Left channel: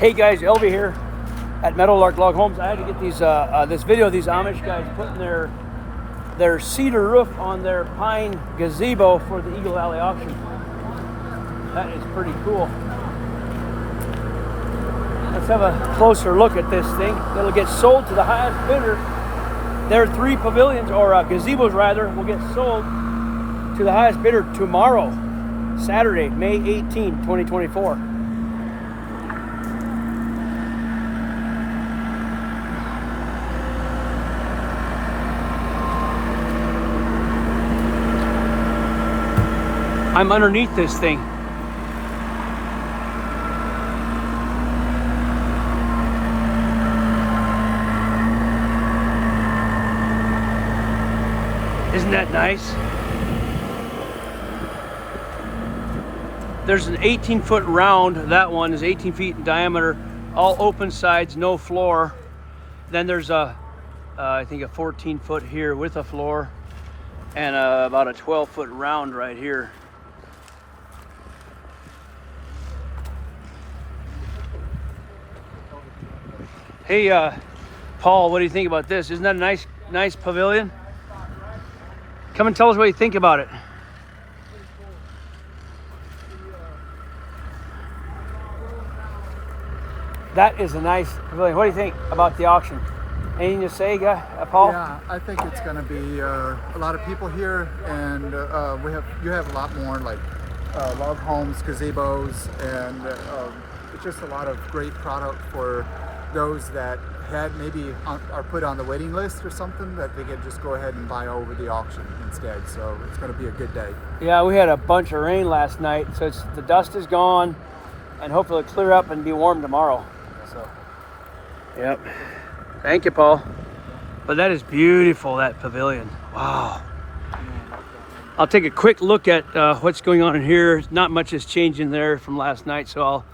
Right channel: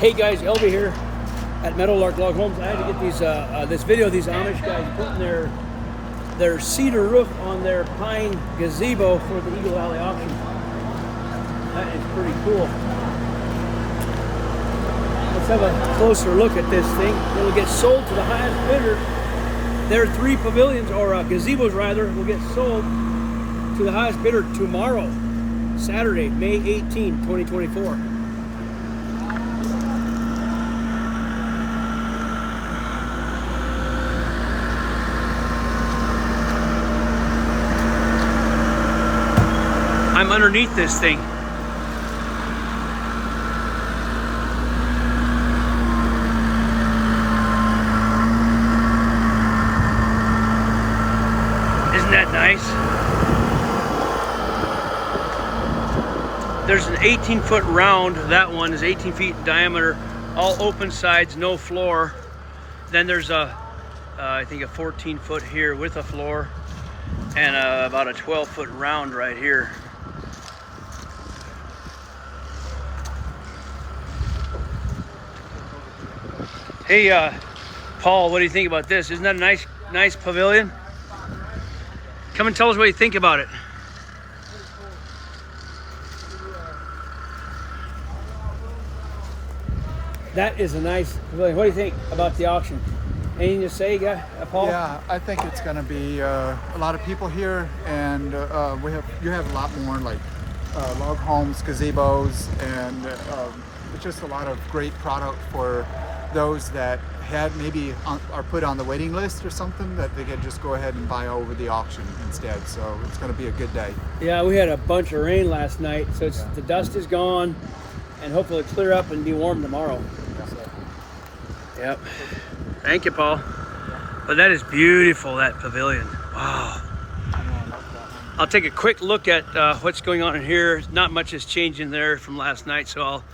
Hey guys, Elvie here at Meadowlark Log Homes. I had to get these this video of these Amish guys putting their cedar roof on their pine gazebo for the Eagle Alley auction. That is pretty cool. Let's have a closer look at this thing. It'll get sold to the highest bidder. Their three pavilions, or gazebos rather, will get sold to the highest bidder tomorrow, Saturday, May 18, 2024. I'm underneath this thing. Isn't that nice? There's an 18-foot round. That one is 18 feet in diameter, all open sides, no floor. Then there's I think a 14-foot here with a floor, and about a 12-foot round right here. Hey, Paul, what do you think about this? Isn't that a nice pavilion? Come and tell us what you think about it. That is a nice pavilion. What do you think about the auction? Anything to say, Paul? Yeah, I think it's going to be a lot of people here, and you have a lot more like log homes, gazebos, and it's just a lot of great product for those that are put on the waiting list or something, that they can just go ahead and buy over the auction instead. So it's going to be a good day. Yeah, we had a bunch of rain last night, so the dust is gone, and hopefully it'll clear up and be warm tomorrow. So. Yep. Thank you, Paul. But that is beautiful, that pavilion. Wow. I'll take a quick look at what's going on in here. Not much is changing there from last night, so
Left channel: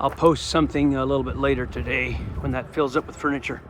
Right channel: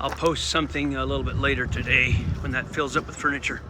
I'll post something a little bit later today when that fills up with furniture.